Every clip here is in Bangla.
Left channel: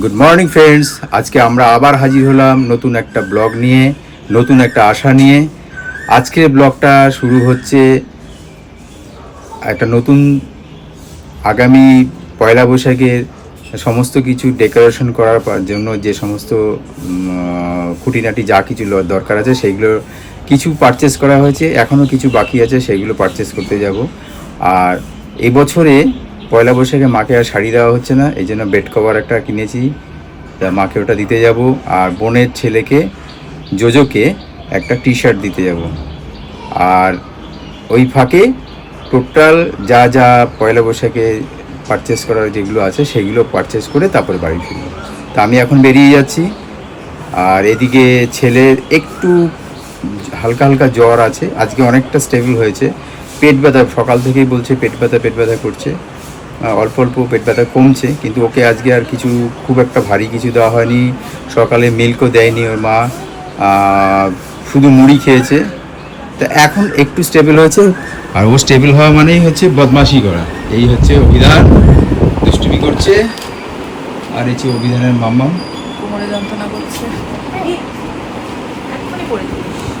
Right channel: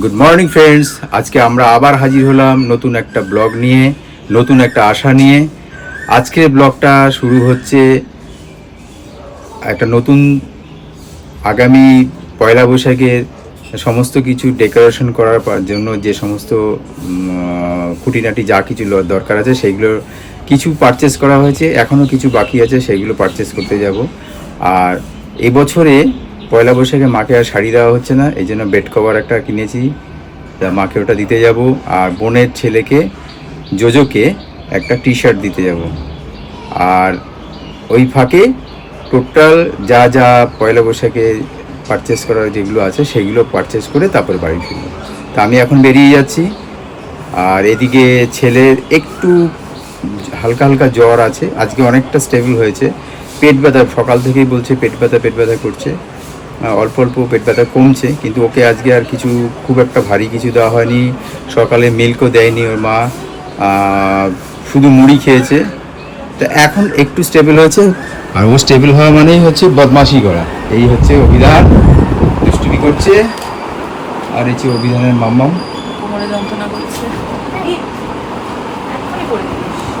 গুড মর্নিং ফ্রেন্ডস আজকে আমরা আবার হাজির হলাম নতুন একটা ব্লগ নিয়ে, নতুন একটা আশা নিয়ে। আজকের ব্লগটা শুরু হচ্ছে একটা নতুন আগামী পয়লা বৈশাখের সমস্ত কিছু ডেকোরেশন করার জন্য যে সমস্ত খুঁটিনাটি যা কিছু দরকার আছে সেইগুলো কিছু পারচেস করা হয়েছে। এখনও কিছু বাকি আছে সেইগুলো পারচেস করতে যাব। আর এবছরে পয়লা বৈশাখে মাকে আর শাড়ি দেওয়া হচ্ছে না, এই জন্য বেড কভার একটা কিনেছি। তা মাকে ওটা দিতে যাব, আর বোনের ছেলেকে, জোজোকে একটা টি শার্ট দিতে যাব। আর ওই ফাঁকে টোটাল যা যা পয়লা বৈশাখে পারচেস করার যেগুলো আছে, সেগুলো পারচেস করে তারপরে বাড়ি ফিরব। তা আমি এখন বেরিয়ে যাচ্ছি। আর এদিকে ছেলের একটু হালকা হালকা জ্বর আছে, আজকে অনেকটা স্টেবল হয়েছে। পেট ব্যথা, সকাল থেকেই বলছে পেট ব্যথা পেট ব্যথা করছে। অল্প অল্প পেট ব্যথা কমছে কিন্তু ওকে আজকে আর কিছু খুব একটা ভারী কিছু দেওয়া হয়নি। সকালে মিল্কও দেয়নি ওর মা। শুধু মুড়ি খেয়েছে। তা এখন একটু স্টেবল হয়েছে। আর ও স্টেবল হওয়া মানেই হচ্ছে বদমাশি করা। এই হচ্ছে অভিধান। দুষ্টুমি করছে। আর এই অভিধানের কোমরে যন্ত্রণা করছে।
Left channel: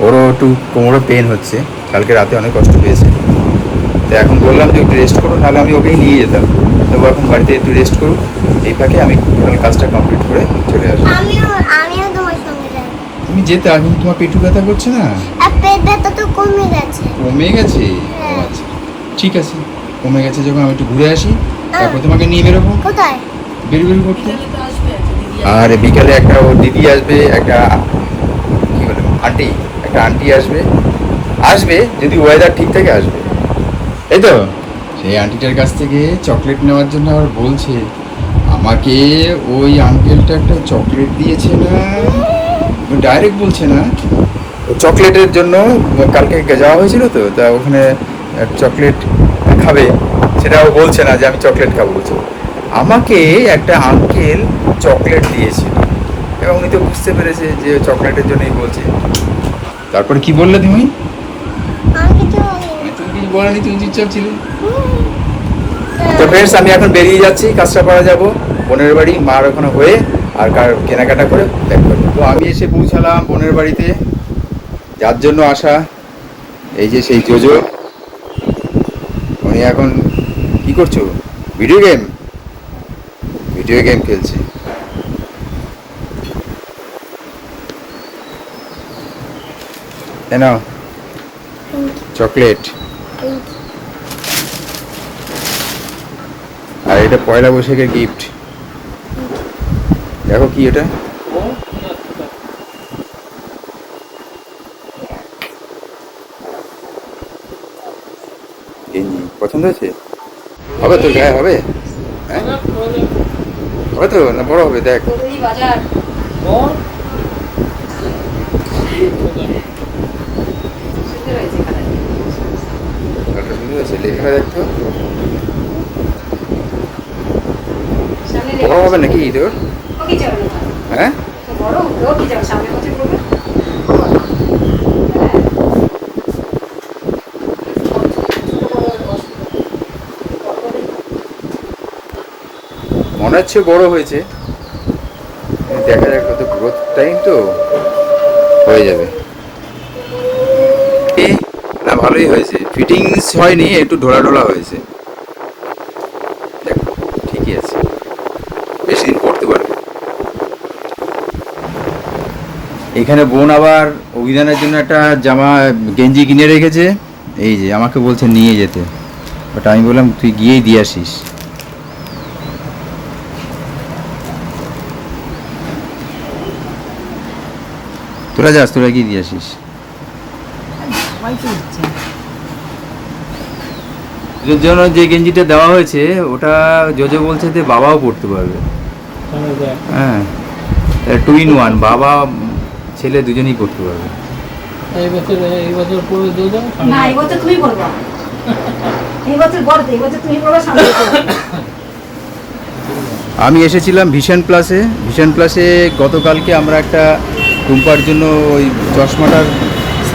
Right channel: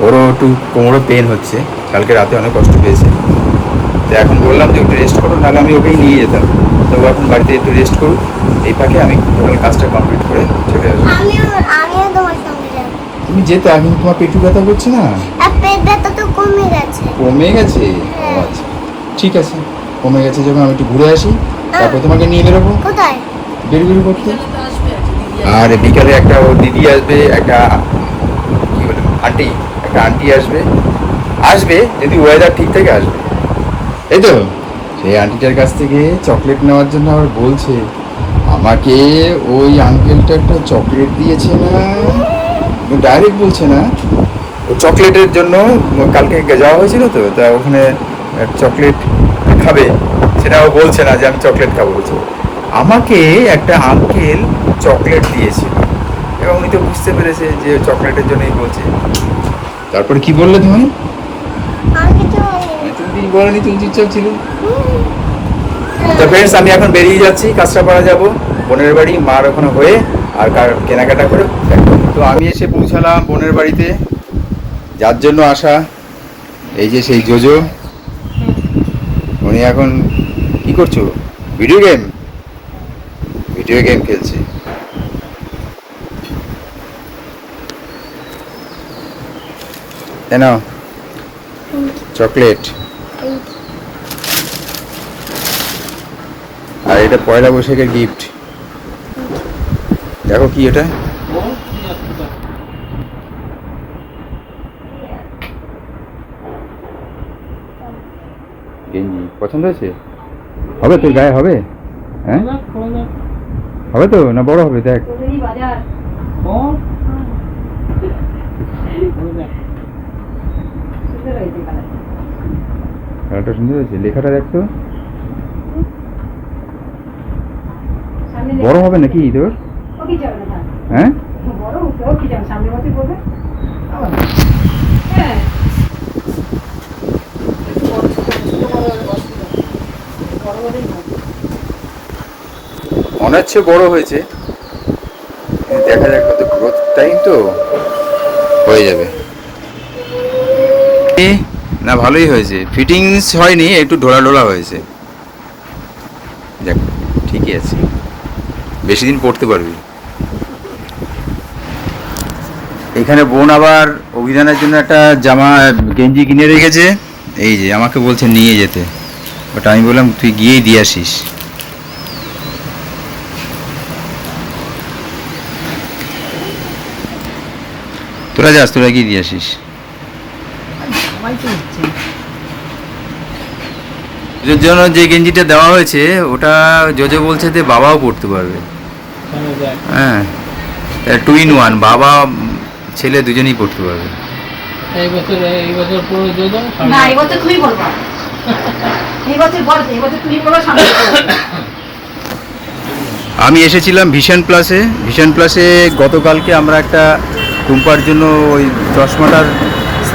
ওরও একটু কোমরে পেন হচ্ছে। কালকে রাতে অনেক কষ্ট পেয়েছে। তো এখন বললাম যে একটু রেস্ট করো নাহলে আমি ওকেই নিয়ে যেতাম। তো এখন বাড়িতে একটু রেস্ট করুক এই ফাঁকে আমি টোটাল কাজটা কমপ্লিট করে চলে আসব। তুমি যেতে এখন তোমার পেটু ব্যথা করছে না? আর পেট ব্যথা তো কমে গেছে। কমে গেছে? হ্যাঁ। আচ্ছা। ঠিক আছে কমে গেছে যখন আমি একটু ঘুরে আসি তারপর তোমাকে নিয়ে বেরোবো। কোথায়? বেরো বেরো করতে? আর বিকালে একটা ও দিদি আসবে একটা কি বলে আন্টি একটা আন্টি আসবে। আসবে যদি ওয়েদার ঠিক থাকে আসবে। এই তো। সেই আন্টিটার কাছ থেকে চকলেট নেওয়ার জন্য আবার বলছে আমাকে ওই আঙ্কেলটা একটা চকলেট দিয়েছে না? ডাইরেক্ট বলছে না। চকলেটের জন্য কালকে যাওয়া হয়েছিল তো তা ওখানে চকলেট খাবে। সেটাও বলছে না যে আমি চকলেট খাব বলছে আমাকে একটা আঙ্কেল চকলেট দিয়েছিল। এবং উনি তো বুঝতে পেরেছে যে চকলেটের জন্যই বলছে। তারপরে কি বললে তুমি? বলিনি। তুমি বলনি তুমি চুপচাপ ছিলে। তো ফ্রেন্ডস আমি এখন বেরিয়ে যাচ্ছি কাঁচরাপাড়া যাব বোনের বাড়ি মার ওখানে হয়ে আর কার- কেনাকাটা করে ব্যাক তো আমি এসে পৌঁছালাম বোনের বাড়িতে। যার জন্য আসা এই যে সেই জোজো উনি এখন কি করছ? ভিডিও গেম ভিডিও গেম খেলছে। কেন চকলেট আর এটা পয়লা বৈশাখের গিফট দেখো কি এটা। গেঞ্জি। পছন্দ হয়েছে? হবে তোর গায়ে হবে? হ্যাঁ? হবে তো? না বড় হবে? দেখ। বাজার। গাটা সুন্দর হয়েছে লেখাটা দেখতো বড় হবে নাকি তোর? হ্যাঁ? হ্যাঁ। মনে হচ্ছে বড় হয়েছে। দেখা যাক কত গ্রোথ টাইম তো। হয়ে যাবে। না, ভালোই হয়েছে। ফিটিংস হয়নি, একটু ঢোলা ঢোলা হয়েছে। দেখ, ঠিকই আছে। বেশি দিন পড়তে পারবে। এখানে বোন আবার অভিধানের জন্য একটা জামা, গেঞ্জি কিনে রেখেছে। এই যে, আমাকে বলছে নিয়ে যেতে। ওটা আমি বললাম, তুই গিয়েই দিয়ে আসিস। তোরা যাস, তোরা গিয়ে দিয়ে আসিস। এর জন্য যে গেঞ্জিটা দেওয়া হয়েছে ওটা জোজো বলছে যে বাবাও পড়তে পারবে। হ্যাঁ। টু ইন ওয়ান বাবা ছেলে দুজনেই পড়তে পারবে। এই বছর এই বছর পুরো যোজন না এই বছর তুমি পড়বা। এই বছর বড় এই বছর তুমি পড়ো সামনে আমি এসেছিলাম ভিশন প্লাসে ভিশন প্লাসে গতকালকে আমরা একটা টুম্পার জন্য ওই চশমাটার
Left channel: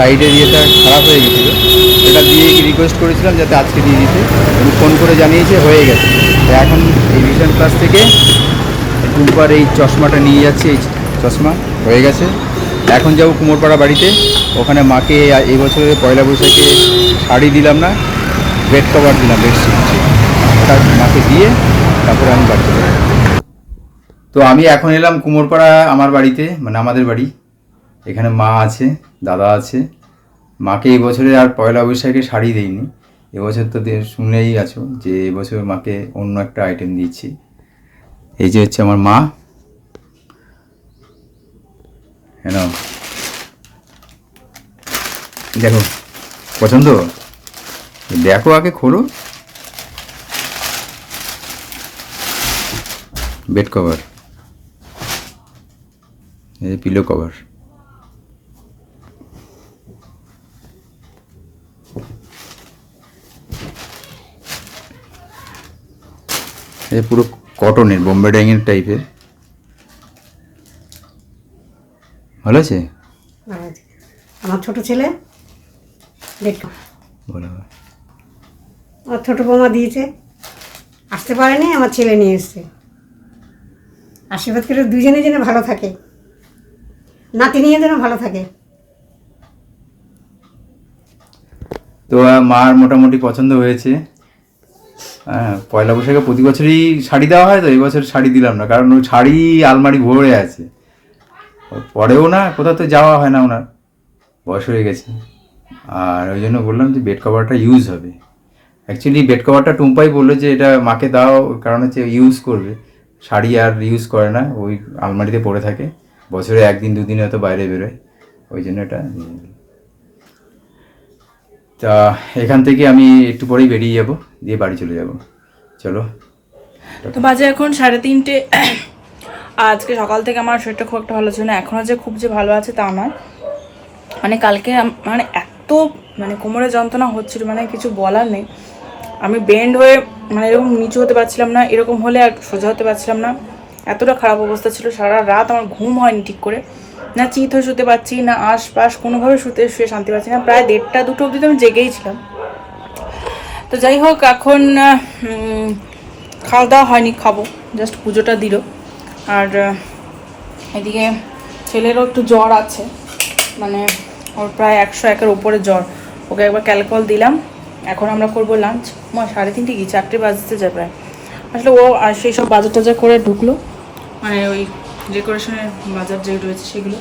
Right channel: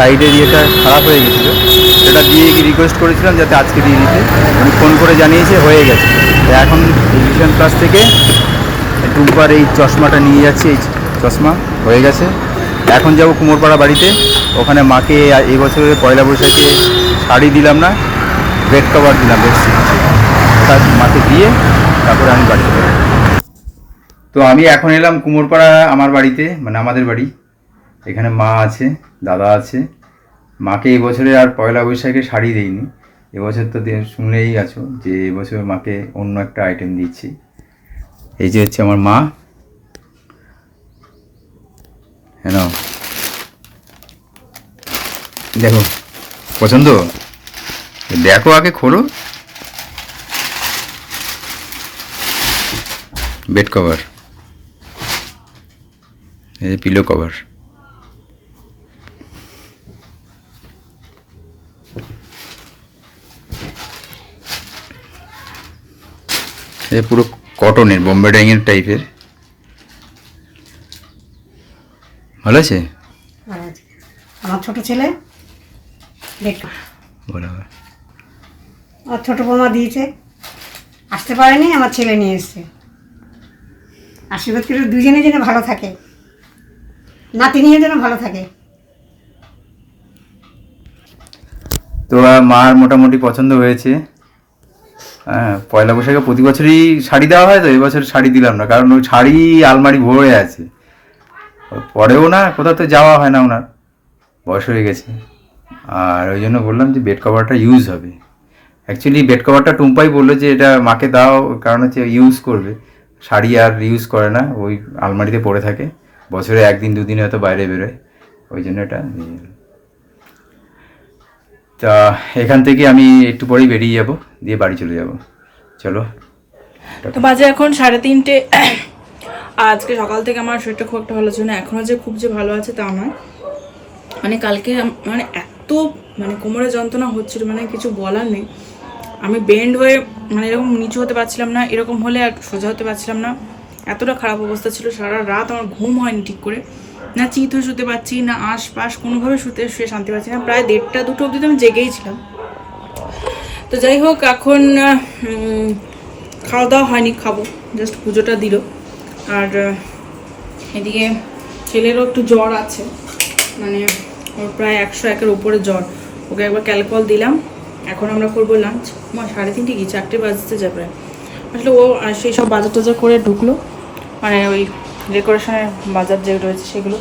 সাইডের ইয়েটা খারাপ হয়ে গেছিল। সেটা দিয়ে রিকোয়েস্ট করেছিলাম যাতে আজকে দিয়ে দিতে। উনি ফোন করে জানিয়েছে, হয়ে গেছে। তো এখন এই ভিশন প্লাস থেকে টুম্পার এই চশমাটা নিয়ে যাচ্ছি। এই চশমা হয়ে গেছে। এখন যাব কুমোরপাড়া বাড়িতে। ওখানে মাকে এই বছরের পয়লা বৈশাখে শাড়ি দিলাম না বেড কভার দিলাম বেশ তার মাকে দিয়ে তারপরে আমি বাড়িতে তো আমি এখন এলাম কুমোরপাড়া আমার বাড়িতে মানে আমাদের বাড়ি। এখানে মা আছে, দাদা আছে। মাকে এই বছরে আর পয়লা বৈশাখে শাড়ি দিইনি। এবছর তো শুনেই আছো যে এবছর মাকে অন্য একটা আইটেম দিচ্ছি। এই যে হচ্ছে আমার মা। হ্যাঁ দেখো, পছন্দ? দেখো আগে খোলো। বেড কভার এই পিলো কভার এই পুরো কটনের বোম্বে ডাইংয়ের টাইপের ভালো আছে? আর আমার ছোট ছেলে হবে। আমার ছোট বৌমা দিয়েছে। আসতে পারেনি আমার ছেলে নিয়ে এসছে। আশীর্বাদ করে দুজনে যেন ভালো থাকে। নাতি নিয়ে যেন ভালো থাকে। তো মার মোটামুটি পছন্দ হয়েছে। হ্যাঁ পয়লা বৈশাখে প্রতি বছরই শাড়ি দেওয়া হয় তো এবছর শাড়ি দিলাম না, কারণ ওই শাড়ি আলমারি ভরে আছে। পরেও না, কোথাও তো যাওয়া হয় না ওনার, বয়স হয়ে গেছে। আর ওই জন্য বললাম যে বেড কভারটা ইউজ হবে। অ্যাকচুয়ালি বেড কভারটা টুম্পাই বলল যে এটা মাকে দাও, কারণ হচ্ছে ইউজ করবে। শাড়ি আর ইউজ করে না, ওই আলমারিতে পড়ে থাকে। বছরে একদিন, দুদিন হয়তো বাইরে বেরোয়। ওই জন্য এটা। তা এখান থেকে আমি একটু পরেই বেরিয়ে যাব, দিয়ে বাড়ি চলে যাব। চলো। তো বাজে এখন সাড়ে তিনটে। আজকে সকাল থেকে আমার শরীরটা খুব একটা ভালো ছিল না এখনও যে খুব যে ভালো আছে তা নয়। মানে কালকে মানে এত মানে কোমরে যন্ত্রণা হচ্ছিল মানে কিছু বলার নেই। আমি বেন্ড হয়ে মানে এরকম নিচু হতে পারছিলাম না, এরকম হলে আর সোজা হতে পারছিলাম না। এতটা খারাপ অবস্থা ছিল, সারা রাত আমার ঘুম হয়নি ঠিক করে। না চিত হয়ে শুতে পারছি, না আশপাশ কোনোভাবে শুতে শুয়ে শান্তি পাচ্ছি না। প্রায় দেড়টা, দুটো অবধি তো আমি জেগেই ছিলাম। তো যাই হোক, এখন খাওয়া দাওয়া হয়নি, খাব। জাস্ট পুজোটা দিল। আর এদিকে ছেলেরও একটু জ্বর আছে। মানে ওর প্রায় একশো একের উপরে জ্বর। ওকে একবার ক্যালকল দিলাম। এখন আমরা করব লাঞ্চ। মা, সাড়ে তিনটে কি? চারটে বাজতে যায় প্রায়। আসলে ও সেই সব বাজার টাজার করে ঢুকলো। মানে ওই ডেকোরেশনের বাজার যে রয়েছে সেগুলো।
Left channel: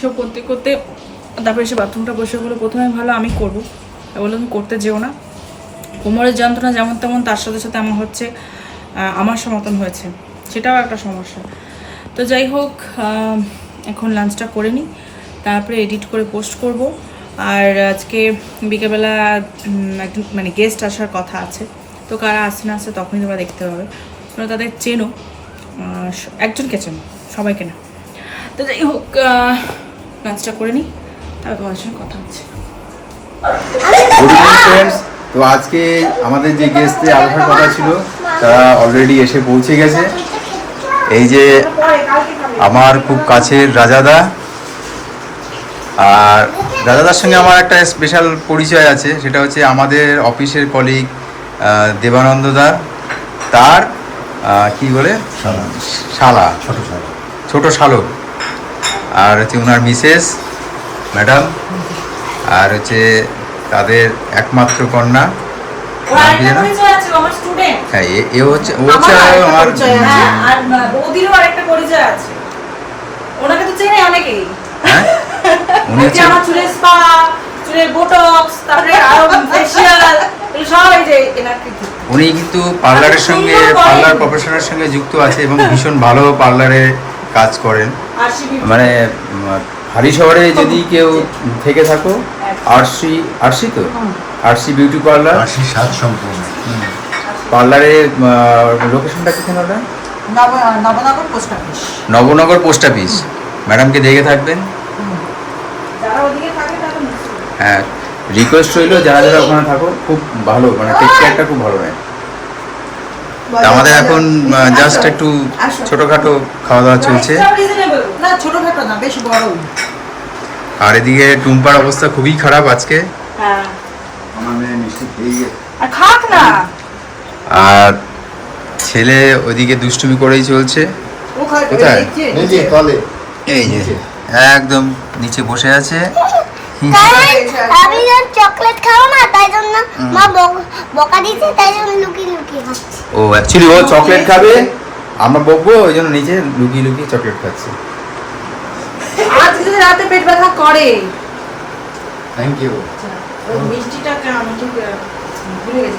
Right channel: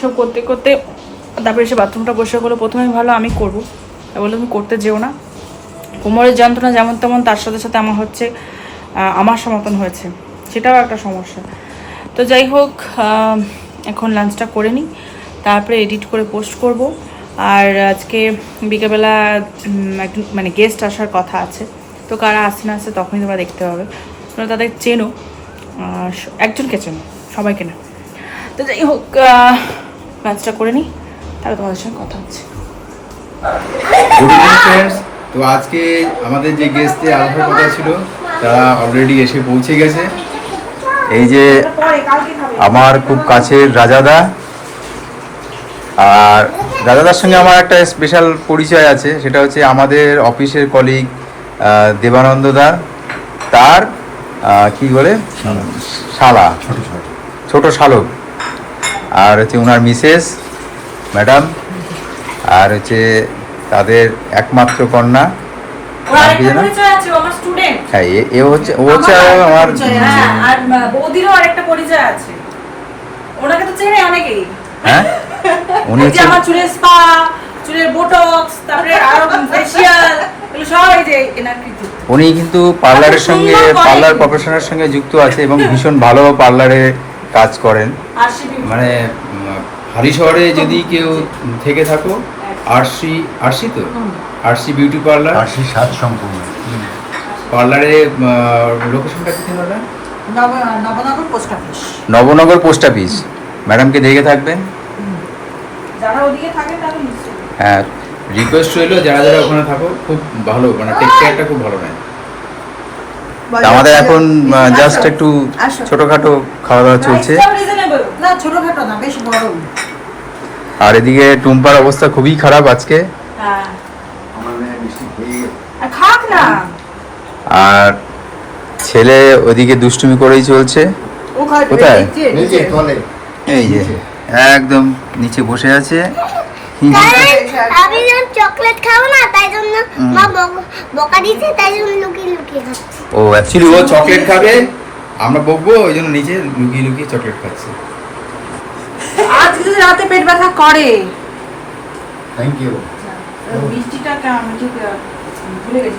সব করতে করতে তারপরে এসে বাথরুমটা বসে করল। প্রথমে ভালো আমি করব। বলল তুমি করতে যেও না। কোমরের যন্ত্রণা যেমন তেমন, তার সাথে সাথে আমার হচ্ছে আমার সমতন হয়েছে। সেটাও একটা সমস্যা। তো যাই হোক এখন লাঞ্চটা করে নিই। তারপরে এডিট করে পোস্ট করব। আর আজকে বিকেলবেলা একজন মানে গেস্ট আসার কথা আছে। তো কারা আসছে না আসছে তখনই তোমরা দেখতে পাবে। তোমরা তাদের চেনো। একজনকে চেনো সবাইকে না তো যাই হোক লাঞ্চটা করে নিই, তারপরে তোমাদের সঙ্গে কথা হচ্ছে। গুড তো আজকে আমাদের যে গেস্টে আসার কথা ছিল, তারা অলরেডি এসে পৌঁছে গেছে। এই যে আমার খুব কাছের রাজাদা, আর রাজাদার সঙ্গে আমার একটা স্পেশাল পরিচয় আছে, সেটা হচ্ছে আমাদের অফিসের কলিগ দেবানন্দ দা। তার কি বলে? শালা। ছোট শালক আর হচ্ছে ওনার মিসেস ম্যাডাম আর হচ্ছে তাদের একমাত্র কন্যা। নাম কি যেন? হ্যাঁ এ- হচ্ছে ও হচ্ছে আমার হ্যাঁ, বৌদিরও আরেকটা পরিচয় আছে। ওনাকে তো চেনে অনেকেই। হ্যাঁ? উনি হচ্ছে আমার চুলের স্পা চুলের বোটক্স তারপরে আরও ফেসিয়াল উনি কিন্তু পার্লারের সঙ্গে পার্লার প্রফেশনের সঙ্গে যুক্ত আছে এবং ভীষণ ভালো পার্লারে কাজ করেন। মানে হারি শহরে যদি কেউ থেকে থাকো আরসি আরসি তো? RC beauty parlour? আরসি সাত সম্পূর্ণ। পার্লারে লোকেশনটা কোথায় বললেন নব- Nabanagar post office. Nabanagar post office. ম্যাডামকে দেখে থাকবেন? যারা ওদিকে থাকে তারা নিশ্চয়ই। হ্যাঁ। রিকোয়েস্ট রইল যারা যারা ওখানে থাকো খুব ভালো মানে টেক কেয়ারটা খুব ভালো নেয়। তা আমাদের এখন জাস্ট একটু ছোটোখাটো খাওয়া দাওয়া চলছে। না ছোটখাটো না বেশ বড়। আর এদিকে টুম্পার অবস্থা খুবই খারাপ আজকে। হ্যাঁ। আর খাক না। আর ছেলে ওইদিকে দুষ্টুমি করেই চলছে। কোথায়? নিচে তলে। এই যে একদম নিচে বসে আছে। আমি যখন চকলেট খাব না তাই জন্য মা বকা দিচ্ছে তাই জন্য লুকিয়ে লুকিয়ে খাচ্ছি। ও অ্যাকচুয়ালি ও চকলেট খাবে। আমরা বকবো ওই জন্য নিচে লুকিয়ে লুকিয়ে চকলেট খাচ্ছে। আজকে রাতে পেট ব্যথা করে। থ্যাংক ইউ মিষ্টিটা কেমন ঠিক ভুলে গেছি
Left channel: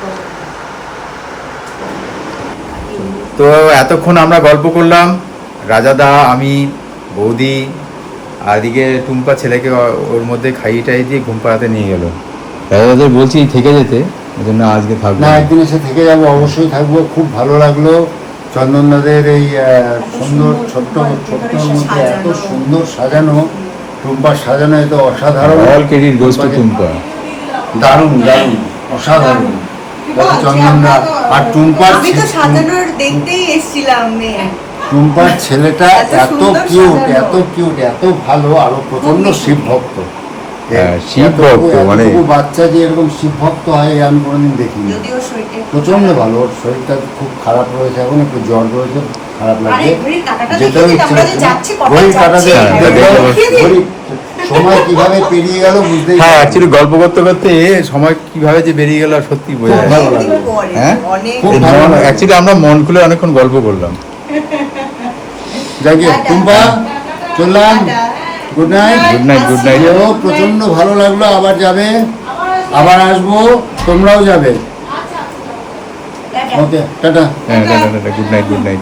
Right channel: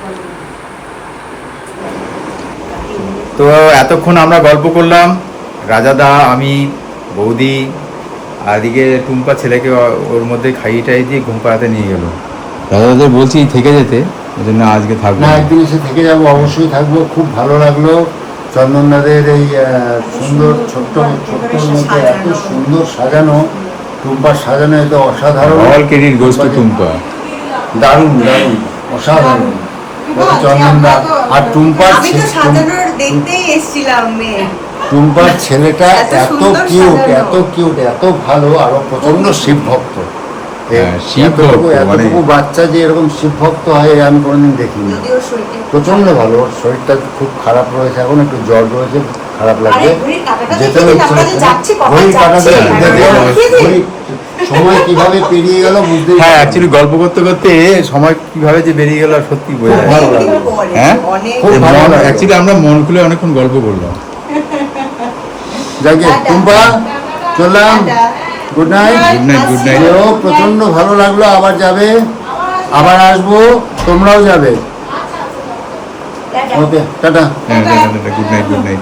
তো এতক্ষণ আমরা গল্প করলাম। রাজাদা আমি বৌদি আর এদিকে টুম্পা ছেলেকে ও- ওর মধ্যে খাইয়ে টাই দিয়ে ঘুম পাড়াতে নিয়ে গেল। দাদাদের বলছি থেকে যেতে ওই জন্য আজকে থাকব না একদিন এসে থেকে যাব অবশ্যই থাকব খুব ভালো লাগল। চন্দনদাদের এই সুন্দর ছোট্ট ছোট্টর মধ্যে এত সুন্দর সাজানো টুম্পার সাজানো এত অসাধারণ। All credit goes to Tumpa. দারুণ দারুণ অসাধারণ। চন্দনদা আর টুম্পার আমি তো সাজানোর দেখতেই এসেছিলাম মেয়ে। টুম্পার ছেলেটা এত কিউট এত কিউট এত ভালো আরও প্রচণ্ড শিব ভক্ত হ্যাঁ, মানে- বাচ্চা যে এরকম শিব ভক্ত হয় আমি কোনোদিন দেখিনি। প্রচণ্ড ভালো ওর শরীরটা খুব খারাপ রয়েছে এখন একটু জ্বর রয়েছে। খারাপ ঘড়ির যেতে সময় কীভাবে পেরিয়ে গেল বুঝতেই হ্যাঁ অ্যাকচুয়ালি গল্প করতে করতে সময় কীভাবে যে বেরিয়ে গেল সত্যি বোঝা যায় ভালো না। লাগল। হ্যাঁ? খুব ভালো অ্যাকচুয়ালি আমরা মন খুলে অনেকক্ষণ গল্প করলাম। যাকে টুম্পা চললাম। Good night good night good night এও প্রচণ্ড ভালো লাগল আবার যাবে। আবার আসব তোমরাও যাবে। Okay tata. হ্যাঁ tata tata good night good night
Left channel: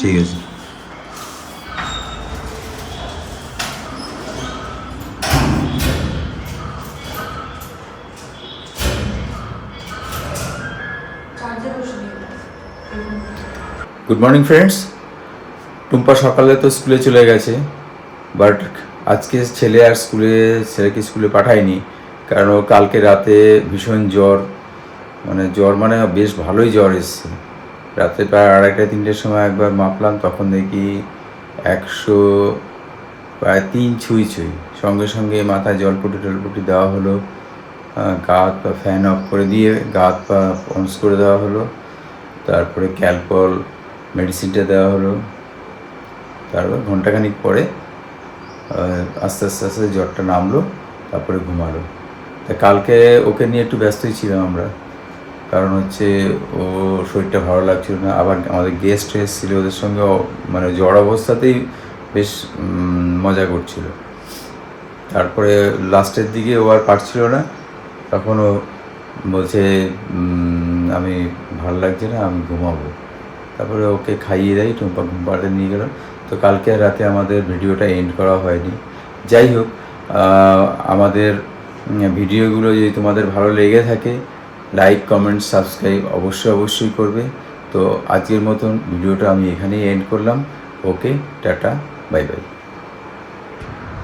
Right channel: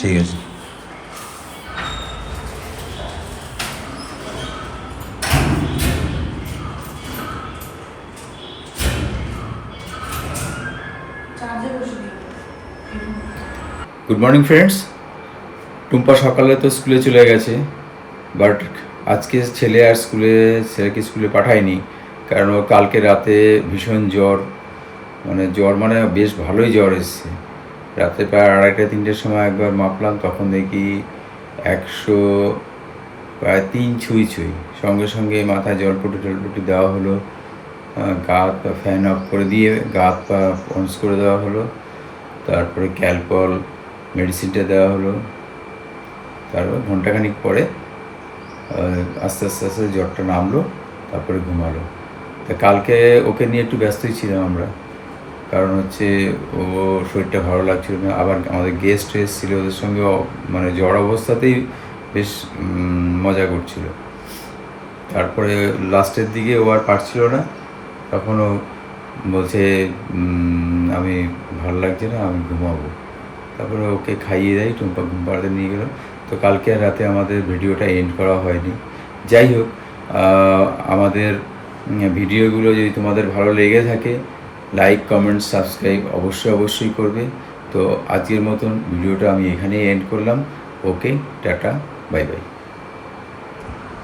ঠিক আছে। গুড মর্নিং ফ্রেন্ডস টুম্পা সকালে তো স্কুলে চলে গেছে বাট আজকে ছেলে আর স্কুলে ছেলেকে স্কুলে পাঠায়নি কারণ কালকে রাতে ভীষণ জ্বর মানে জ্বর মানে বেশ ভালোই জ্বর এসছে। রাতে প্রায় আড়াইটা তিনটের সময় একবার মাপলাম তখন দেখি একশো প্রায় তিন ছুঁই ছুঁই। সঙ্গে সঙ্গে মাথায় জলপটি টলপটি দেওয়া হলো আহ, গা হাত পা ফ্যান অফ করে দিয়ে গা হাত পা অনস করে দেওয়া হলো তারপরে ক্যালপল মেডিসিনটা দেওয়া হলো। তারপর ঘন্টাখানিক পরে আস্তে আস্তে আস্তে জ্বরটা নামলো তারপরে ঘুমালো। তা কালকে ওকে নিয়ে একটু ব্যস্তই ছিলাম আমরা। কারণ হচ্ছে ও শরীরটা ভালো লাগছিল না। আবার আমাদের গেস্ট এসেছিল ওদের সঙ্গে মানে জ্বর অবস্থাতেই বেশ মজা করছিল। তারপরে লাস্টের দিকে ও আর পারছিল না। তখন ও বলছে আমি ভালো লাগছে না, আমি ঘুমাবো। তারপরে ওকে খাইয়ে দেয়, টুম্পা ঘুম পাড়াতে নিয়ে গেলাম। তো কালকে রাতে আমাদের ভিডিওটা এন্ড করা হয়নি। যাই হোক আমাদের ভিডিওগুলো যদি তোমাদের ভালো লেগে থাকে লাইক কমেন্ট সাবস্ক্রাইব অবশ্যই অবশ্যই করবে। তো আজকের মতন ভিডিওটা আমি এখানেই এন্ড করলাম। ওকে টাটা বাই বাই